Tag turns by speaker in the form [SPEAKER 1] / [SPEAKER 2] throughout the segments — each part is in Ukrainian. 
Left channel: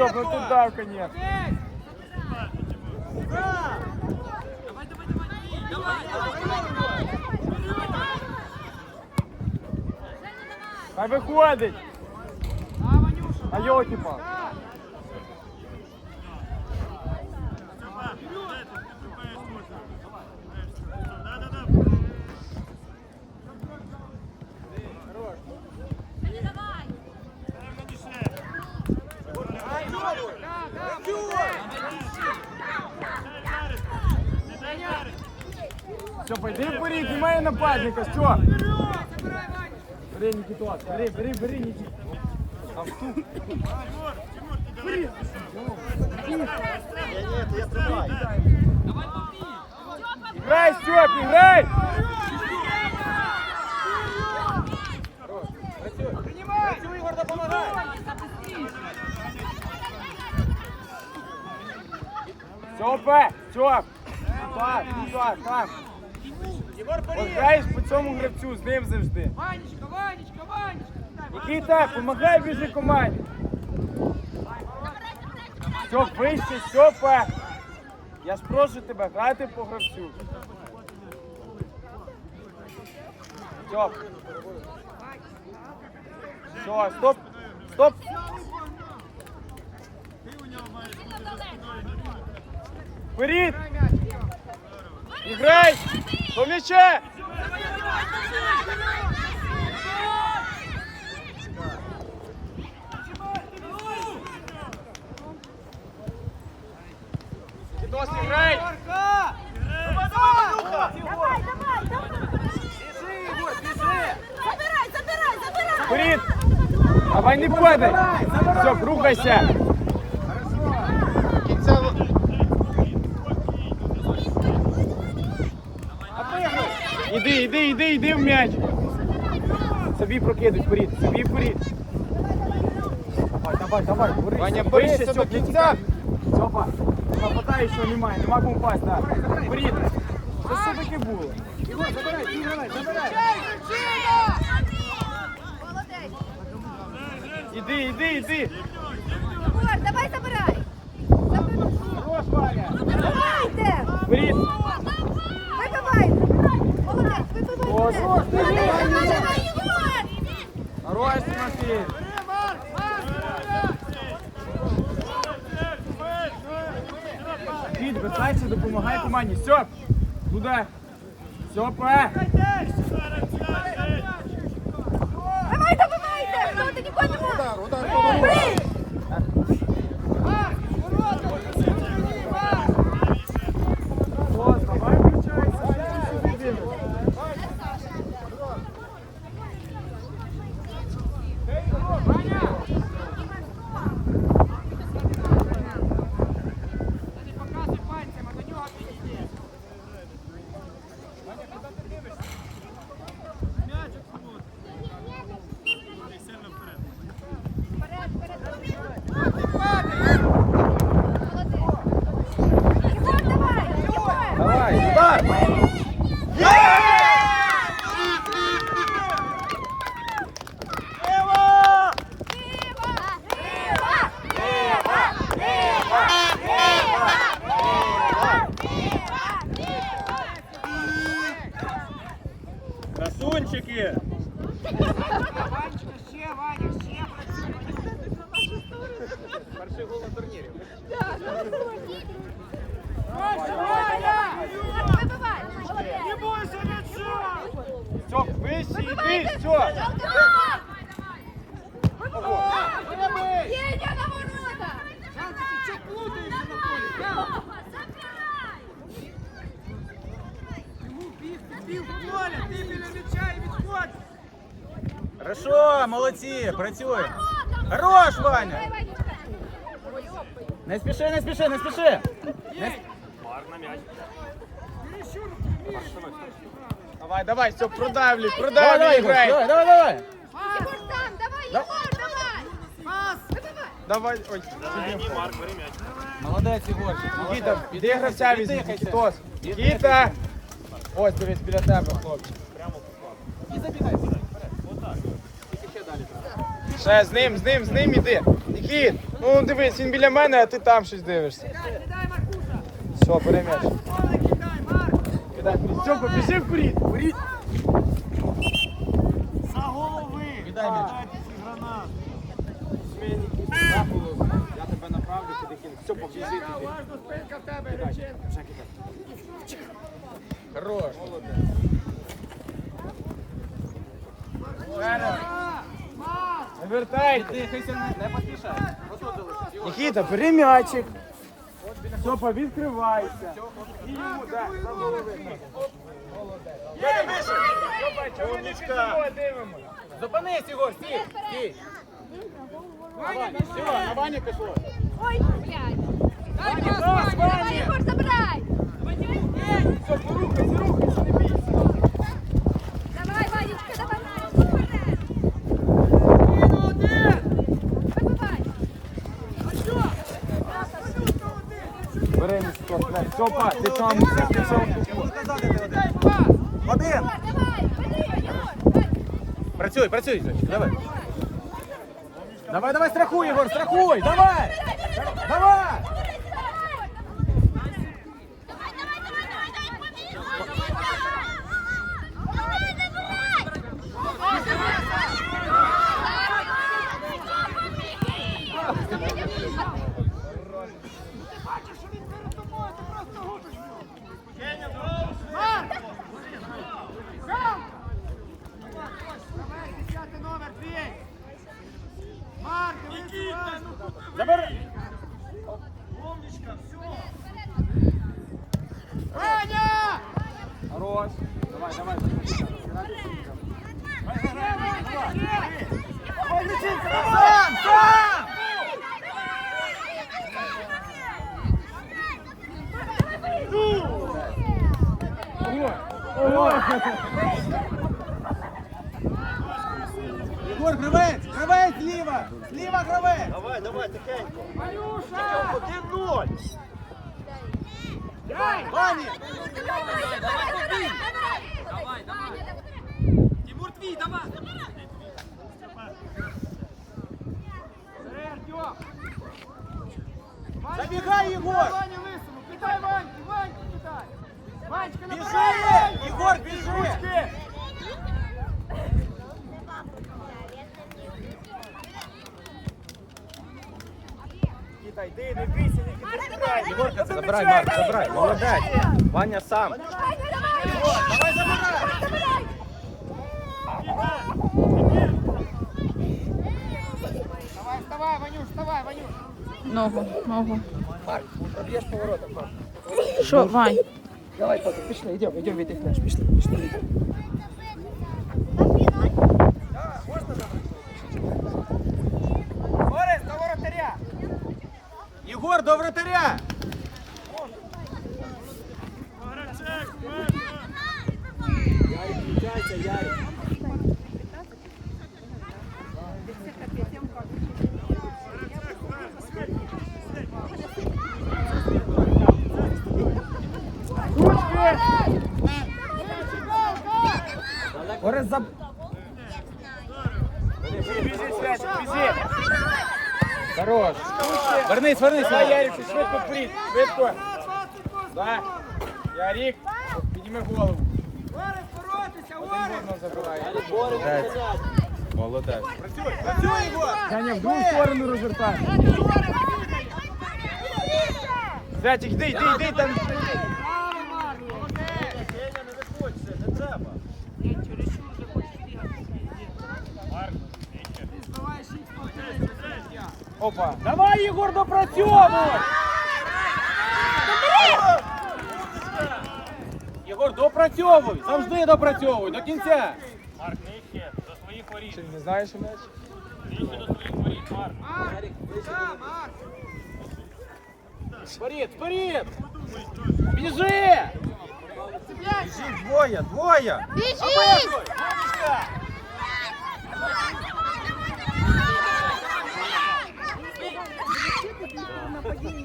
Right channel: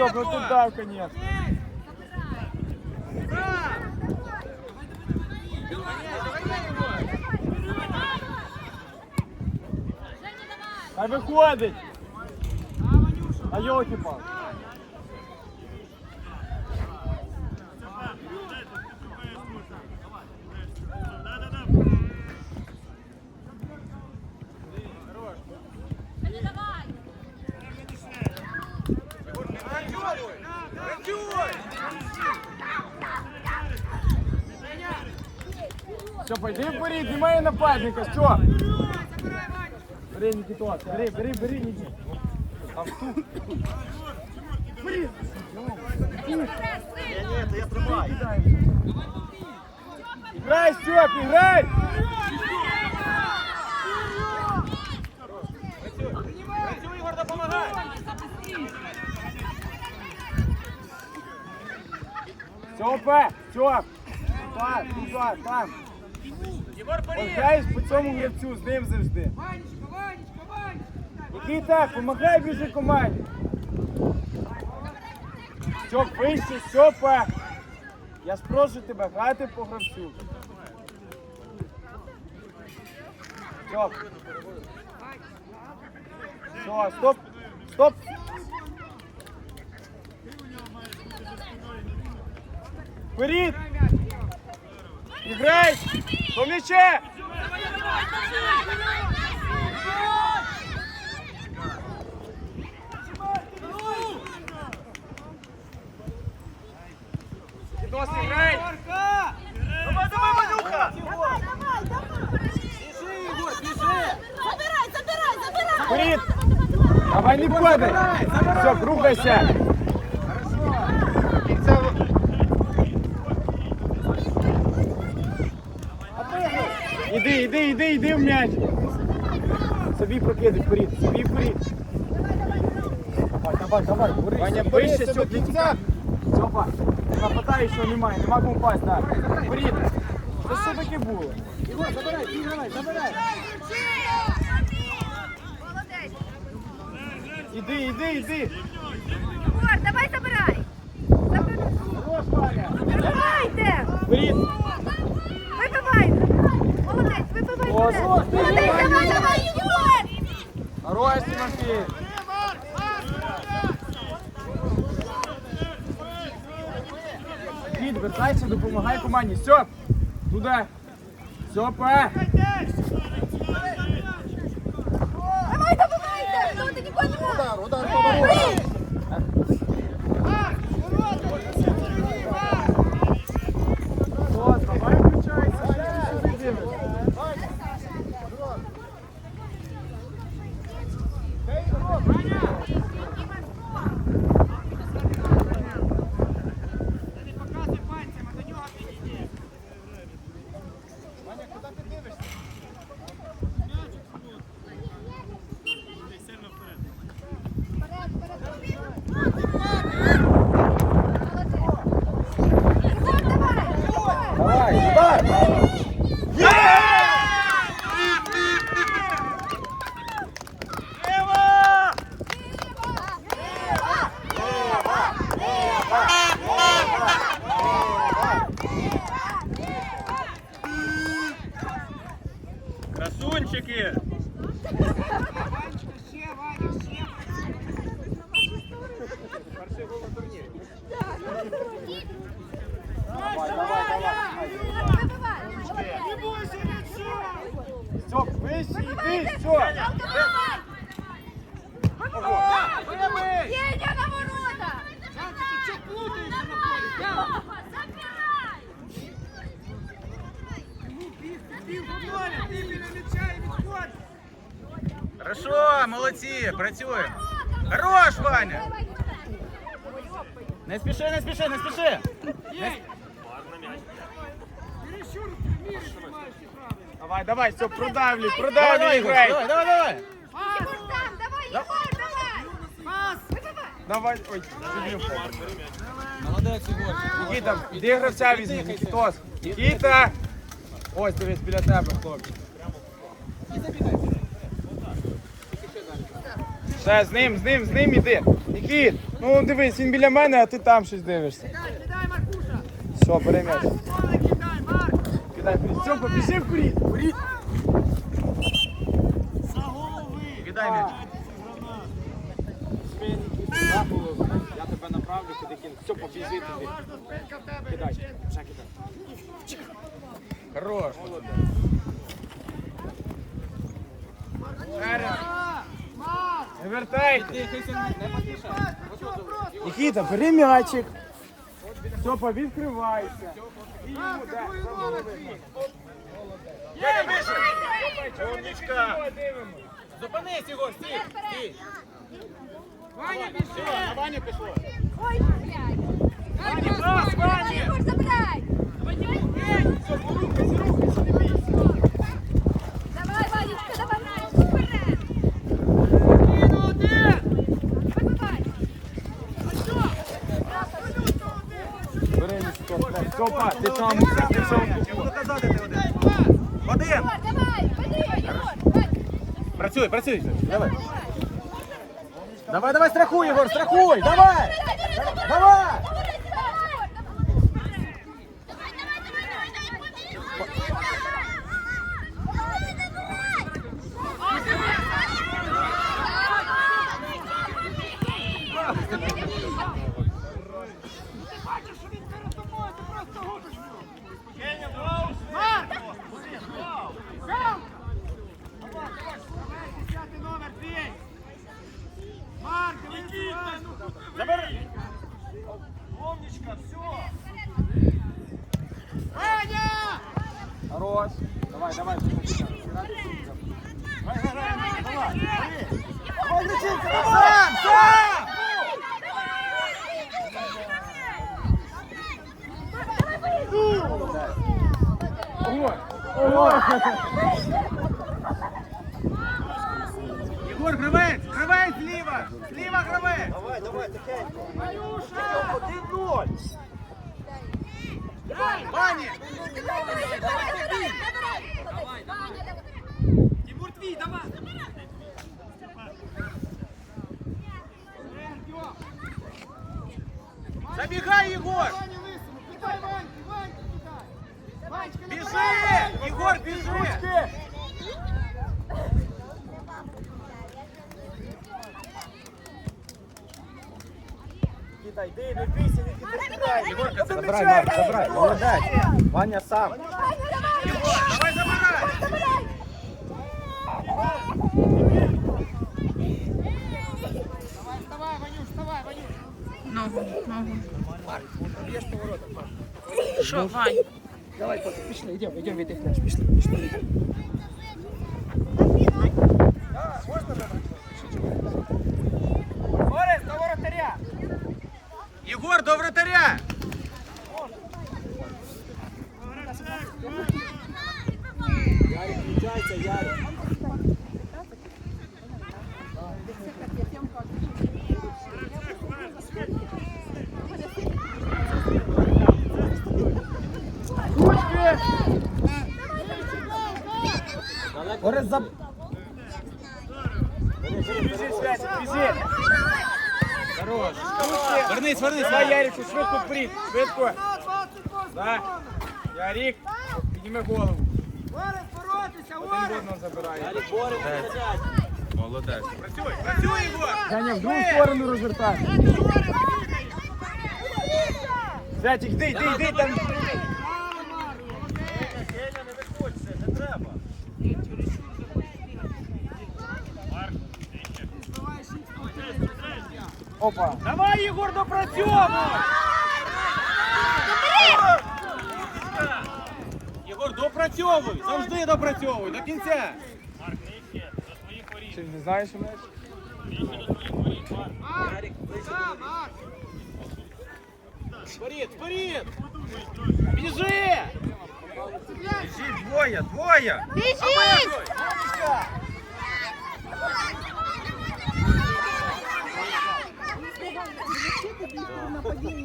[SPEAKER 1] Стьоп, ну ты дай, конечно. Хай виходить. А йоки па.
[SPEAKER 2] Степа, де ти? Ти шукаєш можна. Да-да-да.
[SPEAKER 1] Все, пойди вперед, знімай нападника, що? Бери, Нікітос, бери, бери, бери, Нікіт. Там тут. Бери. Нікіт, ти кидаєш. Грай, Стьоп, грай! Стьопа, Стьоп. Так, так, так. Граєш по цьому гравцю, з ним завжди.
[SPEAKER 3] Ванечка, Ванечка, Ванечка!
[SPEAKER 1] Нікіта, помагай біжи команді. Стьоп, вище, Стьопа. Я ж прошу тебе, грати по гравцю. Стьоп. Все, стоп, стоп. Вперед! Мяче! Нос играй!
[SPEAKER 3] Марка!
[SPEAKER 4] Забирай, забирай, забирай!
[SPEAKER 1] Вперед! Давай не падай! Все, рухайся! Іди, іди, іди, іди в м'яч! Собі прокидай вперед, собі вперед! Давай, давай, давай, борись!
[SPEAKER 5] Ваня,
[SPEAKER 1] Вище, Стьоп, не
[SPEAKER 5] кінця.
[SPEAKER 1] тікай! Нападай, що немає, нема кому пасть, так. Вперед! Це що таке було? Іди, іди, іди!
[SPEAKER 4] Егор, давай забирай!
[SPEAKER 1] Ваня!
[SPEAKER 4] Забирайте!
[SPEAKER 1] Вперед!
[SPEAKER 4] Вибивайте! Молодець, вибивайте!
[SPEAKER 1] О, Зос,
[SPEAKER 4] Молодець,
[SPEAKER 1] біжи!
[SPEAKER 4] давай, давай, Єгор!
[SPEAKER 1] Хорош, Тимофій! Кіт, вертайся, допомагай команді. Сьоп! Туди! Стьопа!
[SPEAKER 5] працює. Хорош, Ваня.
[SPEAKER 1] Не спіши, не спіши, не спіши!
[SPEAKER 3] Єй,
[SPEAKER 2] Гарна м'яч.
[SPEAKER 3] чересчур приміри приймаєш неправильно.
[SPEAKER 1] Давай, давай, Стьоп, продавлюй, продавлюй,
[SPEAKER 6] Давай, давай, Ігор,
[SPEAKER 1] грай.
[SPEAKER 6] давай, давай, давай.
[SPEAKER 3] Пас! Пас!
[SPEAKER 1] Давай, ой.
[SPEAKER 2] Ні, Марк, бери м'яч.
[SPEAKER 1] Молодець, Ігор. Нікіта, віддихайся, віддихайся. Нікіта. Ось, дивись, біля тебе, хлопчик. І забігай. Ще з ним, з ним, з ним іди. Нікіт, ну ну, дивись, він біля мене, а ти там щось дивишся.
[SPEAKER 3] Кидай, кидай, Маркуша!
[SPEAKER 1] Все, приймеш.
[SPEAKER 3] Поле кидай, Марк!
[SPEAKER 1] Кидай вперед. Все, біжи вперед. Вперед.
[SPEAKER 2] За голови.
[SPEAKER 5] Кидай м'яч.
[SPEAKER 1] Я тебе направлю, куди кину. Все, побіжи туди. Кидай. Вже кидай.
[SPEAKER 5] Хорош.
[SPEAKER 1] Вперед. Вертай. Дихайся, не поспішай. Нікіта, бери м'ячик. Степа, відкривайся. І йому дай, за голови. Молодець. Степа, чого ви не під собою дивимося? Зупинись, Ігор, стій, стій.
[SPEAKER 3] Ваня,
[SPEAKER 1] Все,
[SPEAKER 3] біжи!
[SPEAKER 1] на Ваню пішло.
[SPEAKER 4] Ой, блядь.
[SPEAKER 3] Дай пас, Ваня!
[SPEAKER 4] Ігор, забирай.
[SPEAKER 1] Все, порухайся, рухайся.
[SPEAKER 4] Давай, Ванечка, давай. Вперед.
[SPEAKER 3] Кину один!
[SPEAKER 1] Степа, ти там ти все он.
[SPEAKER 5] Один.
[SPEAKER 4] Давай. Давай.
[SPEAKER 5] Працюй, працюй.
[SPEAKER 1] Давай. Давай, давай, страхуй, Егор, страхуй, давай! Давай!
[SPEAKER 3] Ти бачиш, що він перед тобою, ти просто губиш його! Марк! Галка! Давай, десятий номер, бій! Марк, дивись, уважно!
[SPEAKER 1] Забери!
[SPEAKER 3] Ваня!
[SPEAKER 1] Хорош! Давай, давай, Ого! Ого!
[SPEAKER 3] Егор, кривець! Кривець зліва! Зліва кривець!
[SPEAKER 2] Давай, давай, тихенько. Один-ноль.
[SPEAKER 3] Тимур твій, давай! Артем!
[SPEAKER 5] Забігай, Єгор!
[SPEAKER 3] Ваня лисому! Кидай Ваньки! Ваньки кидай! Ванечка,
[SPEAKER 5] Біжи!
[SPEAKER 3] набирай! Ваньку!
[SPEAKER 5] Єгор, біжи!
[SPEAKER 1] Ручки! Китай, йди, не бійся, не. Забирай, забирай, молодець. Ваня сам.
[SPEAKER 3] Давай, вставай, Ванюш, вставай, Ванюш!
[SPEAKER 6] Ногу, ногу.
[SPEAKER 1] Є ж поворот.
[SPEAKER 6] Що, Вань?
[SPEAKER 1] Давай, Тато, пішли, йдемо, йдемо віддихнеш, пішли, пішли.
[SPEAKER 3] Орес, до воротаря!
[SPEAKER 5] Єгор, до вратаря!
[SPEAKER 2] Грачек,
[SPEAKER 1] Ярик, включайся, Ярик. Борис, заб... Хорош. Вернись, вернись. Ярик, швидко пліт, швидко. Да. Ярик, підніми голову.
[SPEAKER 3] Орес, боротися, Орес!
[SPEAKER 5] Молодець. Працюй, Єгор!
[SPEAKER 1] Женя, в другу сторону розвертай. Зайчик, йди, йди, йди там. Опа. Давай, Єгор, допрацьовуй! Єгор, допрацьовуй! Завжди допрацьовуй, до кінця!
[SPEAKER 2] Марк, нижче, до своїх воріт.
[SPEAKER 1] Ти не знаєш,
[SPEAKER 2] Нижче до своїх воріт, Марк.
[SPEAKER 3] Марк, да, Марк!
[SPEAKER 1] Вперед, вперед! Біжи!
[SPEAKER 5] Двоє, двоє!
[SPEAKER 4] Біжи!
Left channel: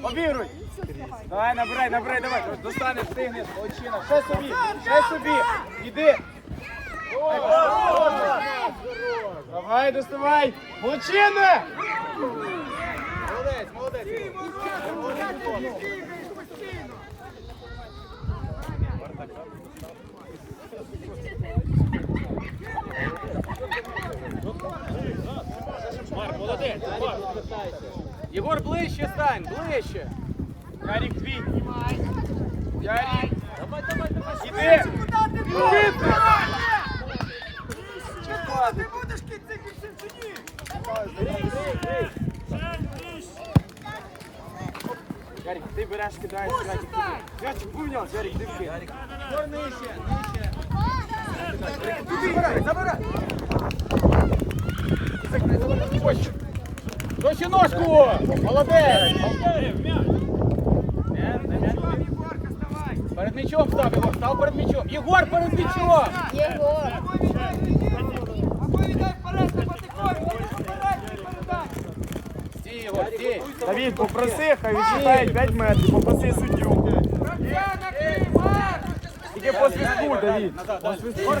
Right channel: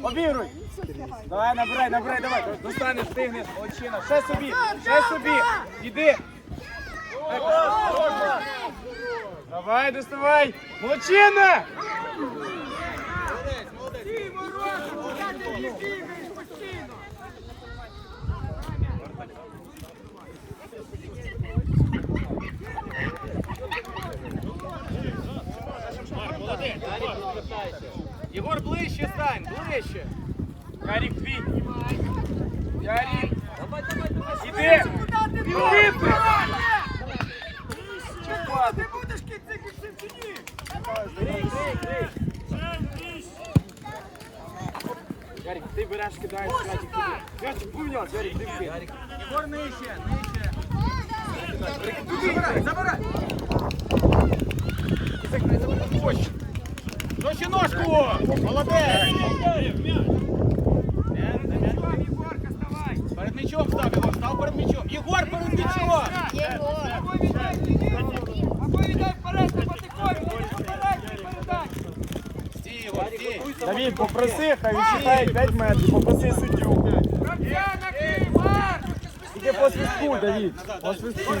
[SPEAKER 1] Обігруй. Давай, набирай, набирай, давай. Достанеш, встигнеш, молодчина. Ще собі, ще собі. Іди. Давай, доставай. Молодчина. Молодець, молодець.
[SPEAKER 3] Куди ти їх бігаєш постійно?
[SPEAKER 2] Марк, молодець. Марк.
[SPEAKER 1] Єгор, ближче стань, ближче.
[SPEAKER 2] Ярик, твій.
[SPEAKER 3] Швидше, куди ти є! Катула, ти будеш кінці кінців чи ні?
[SPEAKER 1] Ярик, ти береш, кидаєш, Святик туди. Святик, поміняв, Ярик, ти вкид. Ярик.
[SPEAKER 5] Єгор нижче, нижче.
[SPEAKER 1] Туди, забирай, забирай. Досі ножку! Молодець! Перед м'ячом став, Єгор, став перед м'ячом. Єгор, перед м'ячом!
[SPEAKER 4] Єгор.
[SPEAKER 3] Або віддай віддай вперед на Батикові, не!
[SPEAKER 1] Стій, Єгор, стій. Давід, попроси, хай відчитає 5 метрів, попроси суддю.
[SPEAKER 3] Гравця накрий, Марк!
[SPEAKER 1] Тільки по свистку, Давід. По свистку.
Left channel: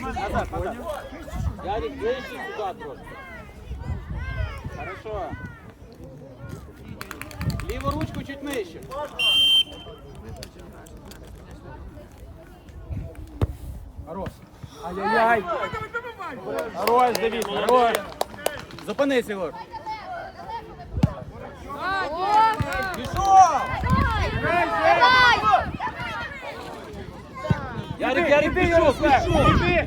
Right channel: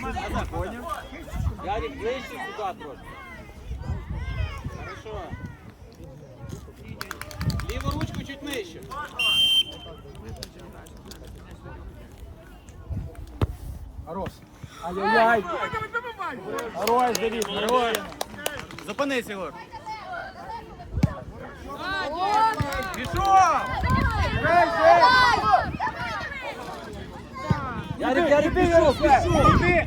[SPEAKER 1] Назад, поняв? Хорошо. Ліву ручку чуть нижче. Хорош. Ай-яй-яй. Хорош, Давід, хорош. Зупинись, Єгор. Пішов! Ярик, Ярик, пішов.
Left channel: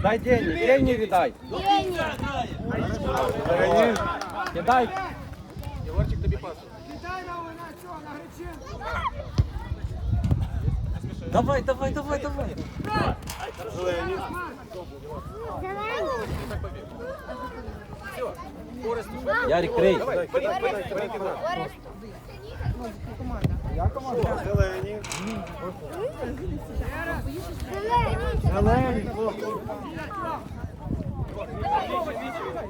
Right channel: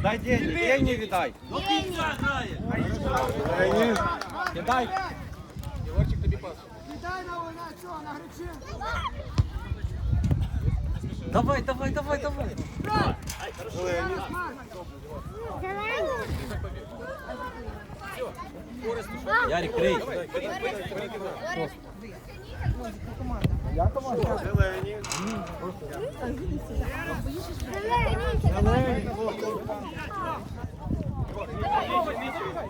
[SPEAKER 1] Дай деньги, деньги віддай. Кидай. Єгорчик, тобі пас.
[SPEAKER 3] Віддай на вона цього, на Гречинку!
[SPEAKER 1] Давай, давай, давай, давай. Зелені. Ярик, крий.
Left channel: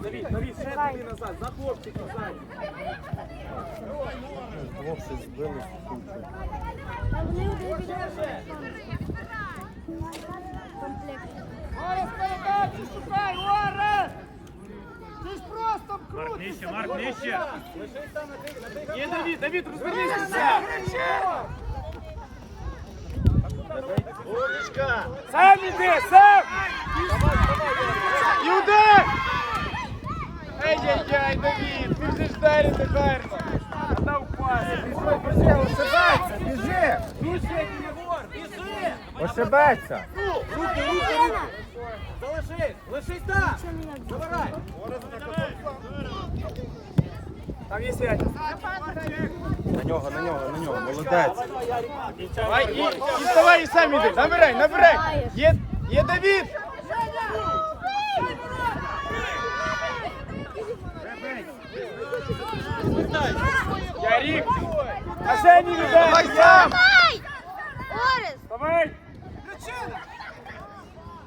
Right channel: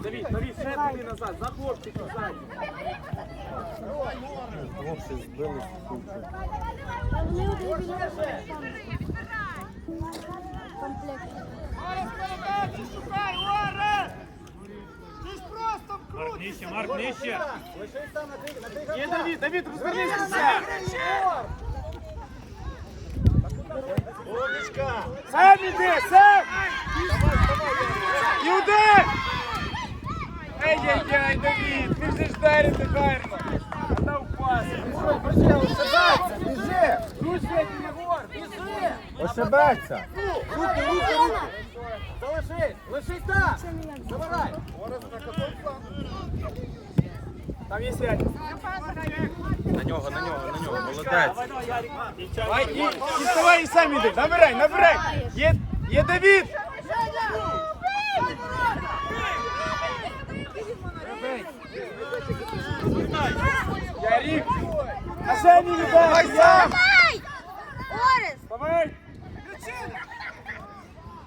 [SPEAKER 1] Давід, Давід, ще туди назад, за хлопчиків ззаді.
[SPEAKER 3] Ти ж просто крутишся!
[SPEAKER 5] Марк, нижче.
[SPEAKER 1] Є Давід, Давід, розвернися все. Сам іди, сам! Іди! Ай-яй-яй, Давід, біжиш далі тепер. Дав пас. Ошибеться, біжи. Ручки, Єгор, біжи. Ошибеться. Руки, руки, руки. Залишись, лишись там. Забирай. Там є сядь.
[SPEAKER 5] На нього, на нього, на нього. Молодець.
[SPEAKER 1] І, і вставай і сам іди. Набирай, набирай. Є, є Давід. Ярик. А ще не віддай. Я. Давай.
[SPEAKER 3] Гречина!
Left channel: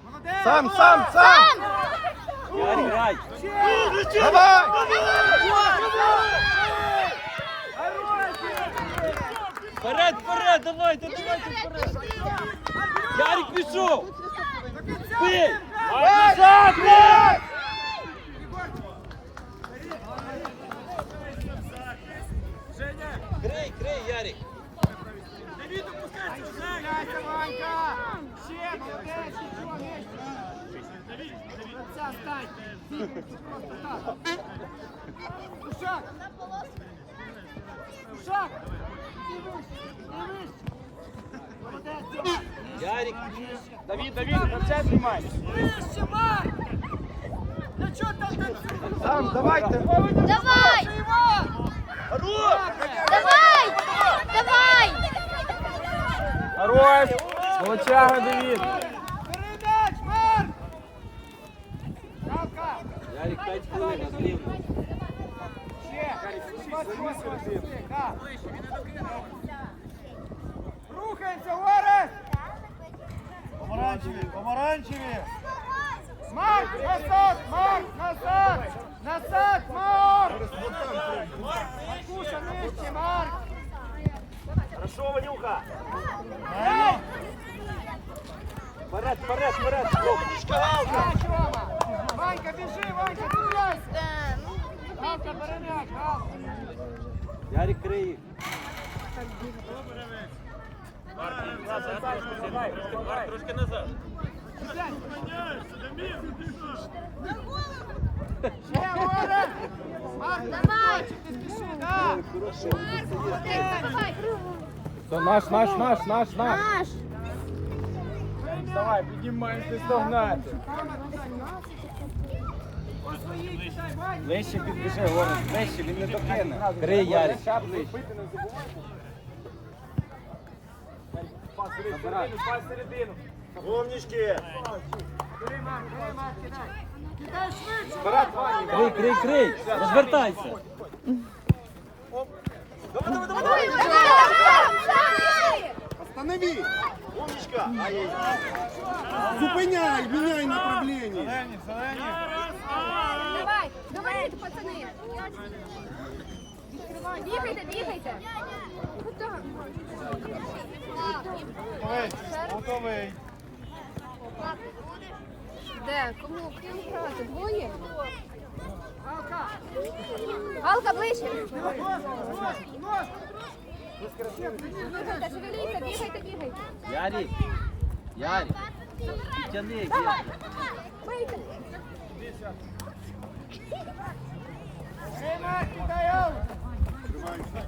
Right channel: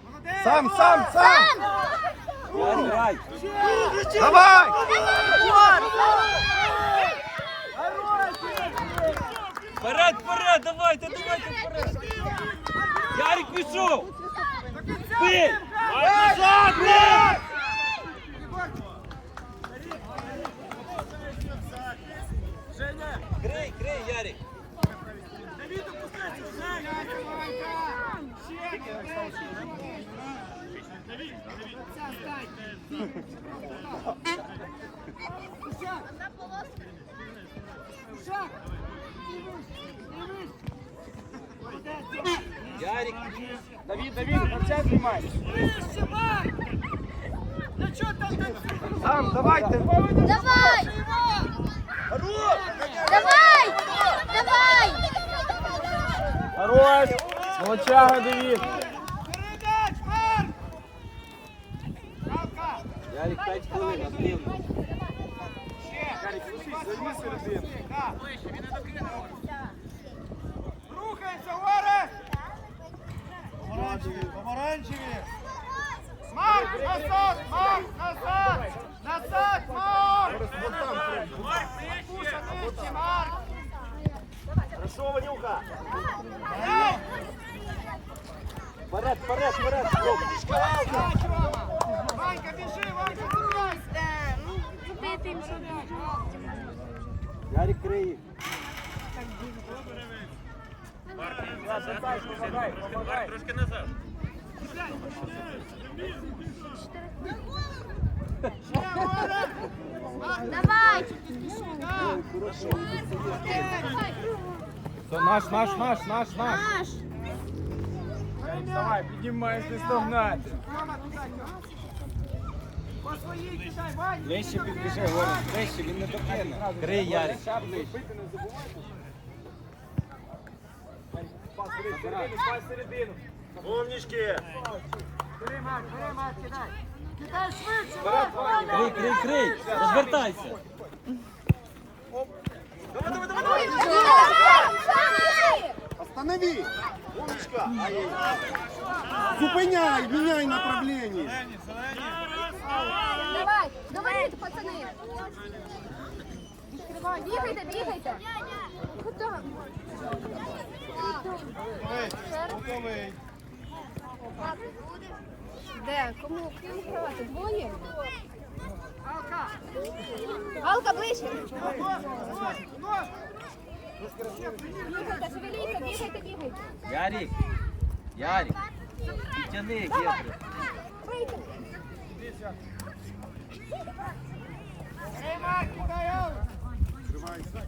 [SPEAKER 3] Молодець!
[SPEAKER 5] Сам, сам, сам.
[SPEAKER 1] Ярик, грай.
[SPEAKER 5] Давай.
[SPEAKER 2] Вперед, вперед, давайте, давайте вперед. Ярик, пішов.
[SPEAKER 3] До кінця
[SPEAKER 2] Ти.
[SPEAKER 3] з ним, грай!
[SPEAKER 1] Назад,
[SPEAKER 3] Ванька! Ще, молодець, нічого, нижче! Гравця, стань! Бігаєшся просто так! Кушак! Кушак! Ти вище, ти вище! Молодець, Тьома!
[SPEAKER 1] Давід, Давід, м'яча тримай.
[SPEAKER 3] Вище, Марк! Для чого там танцюєш?
[SPEAKER 1] Сам, давайте.
[SPEAKER 4] Давай!
[SPEAKER 3] Іван!
[SPEAKER 4] Давай! Давай!
[SPEAKER 1] Хорош. Молодчага, Давід.
[SPEAKER 3] Передач, Марк! Галка!
[SPEAKER 1] Ярик, 5 хвилин, активно. Ярик, слушай, займи середину.
[SPEAKER 3] Рухаємося, Орес!
[SPEAKER 5] Помаранчеві, помаранчеві.
[SPEAKER 3] Марк, назад, Марк, назад! Назад, Марк!
[SPEAKER 5] Вон там.
[SPEAKER 3] Вперед, вперед, вперед! Ванька, біжи, Ванька, купляйся!
[SPEAKER 5] Ванька, бери м'яч, Ярик, крий.
[SPEAKER 2] Трошки назад. На голову!
[SPEAKER 3] Ще, Оля! Марк,
[SPEAKER 4] давай!
[SPEAKER 3] Ти спіши, на! Молодець!
[SPEAKER 5] Наш, наш, наш, наш, наш!
[SPEAKER 4] Наш!
[SPEAKER 3] Своїй кидай, Вань!
[SPEAKER 5] Ближче підбіжи, Город, ближче, він не докине. Крий, Ярик.
[SPEAKER 1] Пити не забувайте. Пас середину, пас середину.
[SPEAKER 3] Бери, Марк, бери, Марк, кидай! Кидай швидше, Марк!
[SPEAKER 5] Крий, крий, крий. Розвертайся.
[SPEAKER 7] Останови! Зупиняй, меняй направление.
[SPEAKER 4] Давай, давайте, пацани. Бігайте, бігайте. Куди?
[SPEAKER 7] Готовий.
[SPEAKER 4] Де? Кому ким грати? Двоє? Галка ближче. Шевеліться, бігайте, бігайте.
[SPEAKER 5] Ярик. Ярик. Тяни, Гетри.
[SPEAKER 4] Бийте. Бігайте,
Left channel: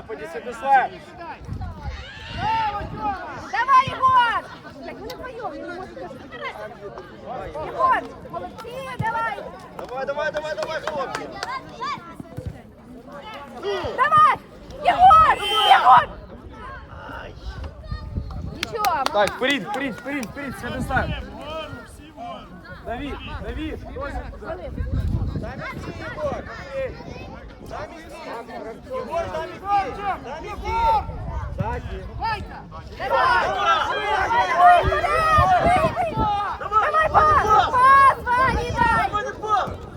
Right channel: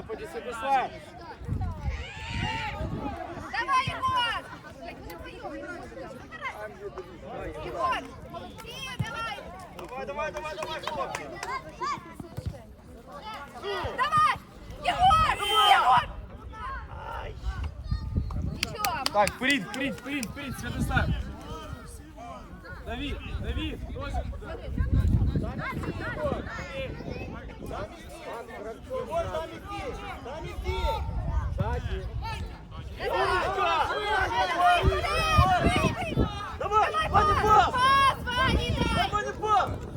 [SPEAKER 1] в Святослав.
[SPEAKER 4] Давай, Єгор. Блядь, вони вдвоєм, забирати. Єгор, молодці, давай.
[SPEAKER 2] Давай, давай, давай, давай, хлопці.
[SPEAKER 4] Давай. Єгор, Єгор. Нічого,
[SPEAKER 1] Так, вперед, вперед, вперед, вперед, Святослав. Давид, Давид, Йосип.
[SPEAKER 3] Егорчик! Егор! Ванька!
[SPEAKER 4] Давай. Давай, вперед, бий, бий. Давай, пас, пас, Вані, дай.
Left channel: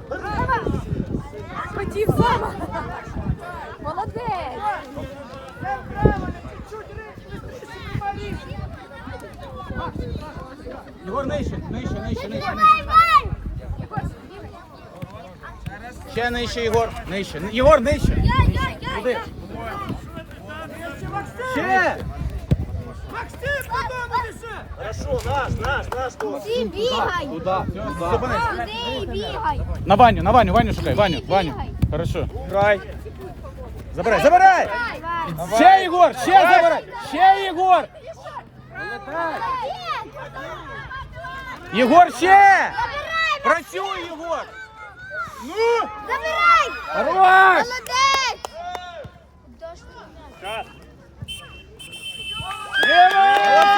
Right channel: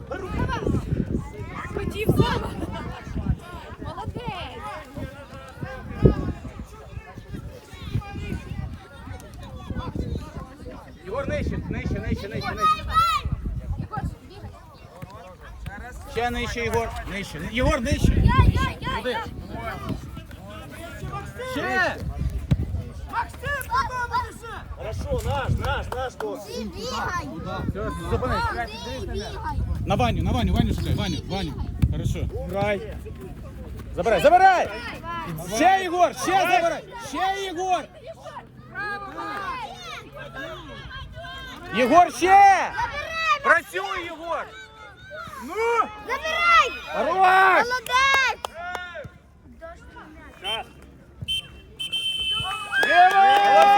[SPEAKER 4] Давай. Хотів сам. Молодець.
[SPEAKER 1] Єгор, нижче, нижче, нижче, нижче, нижче.
[SPEAKER 4] Єгор, бігай.
[SPEAKER 1] Ще нижче, Єгор. Нижче. Єгор, нижче.
[SPEAKER 4] Я, я, я,
[SPEAKER 1] Туди.
[SPEAKER 4] я.
[SPEAKER 1] Ще.
[SPEAKER 3] Максим, додому несе!
[SPEAKER 4] Ти бігай.
[SPEAKER 5] Туди, туди.
[SPEAKER 4] Туди і бігай.
[SPEAKER 1] На Ваню, на Ваню, Ваню шукай, Ваню, Ваню. Хорошо. Грай. Забирай, забирай. Ще Єгор, ще забирай. Ще Єгор. Єгор, ще. Працюй, Єгор. Ну!
[SPEAKER 4] Забирай!
[SPEAKER 1] Хорош!
[SPEAKER 4] Молодець!
[SPEAKER 1] Ліво!